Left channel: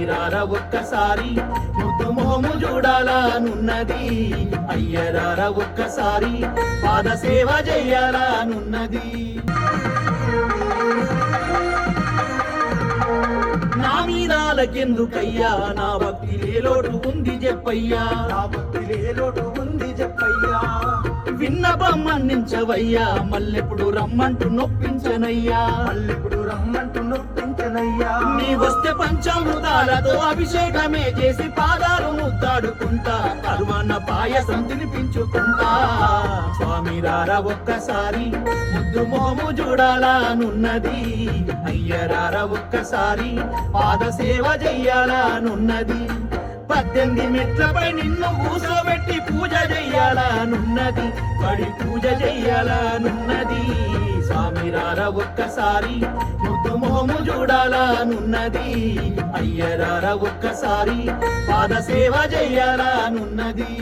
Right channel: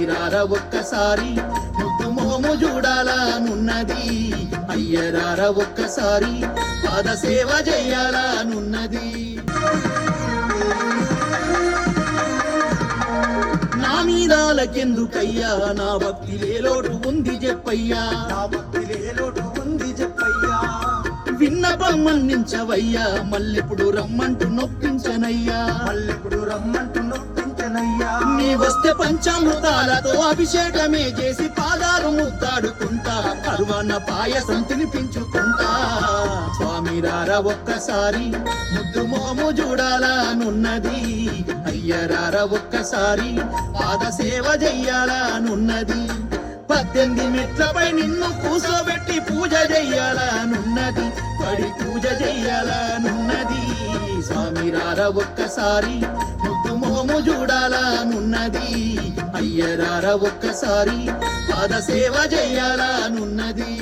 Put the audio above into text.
స్వామిరార ఒక్కసారి ముద్దు మోము చూడాలనున్నది అయ్యరార ఒక్కసారి పాద సేవ చెయ్యాలనున్నది నా మీదాలకెందుకయ్యా నా భక్తిలే లోటు ఉంది చెప్పయ్యా నా భక్తిలే లోటు ఉంది చెప్పయ్యా విన్నపం మన్నించవయ్యా మల్లెప్పుడు రమ్మంటూ నొప్పించనయ్యా మళ్ళెప్పుడు రమ్మంటూ నొప్పించనయ్యా నీ వస్తే పంచామృతాలతో అభిషేకమే చేసి పాదాలు ముద్దాడుకుంటా కరువన్న పాయసం తినిపించుకుంటా స్వామిరార ఒక్కసారి ముద్దు మోము చూడాలనున్నది అయ్యరార ఒక్కసారి పాద సేవ చెయ్యాలనున్నది 18 మెట్లపై నిన్ను కూసోబెట్టి పూజ చెయ్యాలనున్నది పడి పూజ చెయ్యాలనున్నది స్వామిరార ఒక్కసారి ముద్దు మోము చూడాలనున్నది అయ్యరార ఒక్కసారి పాద సేవ చెయ్యాలనున్నది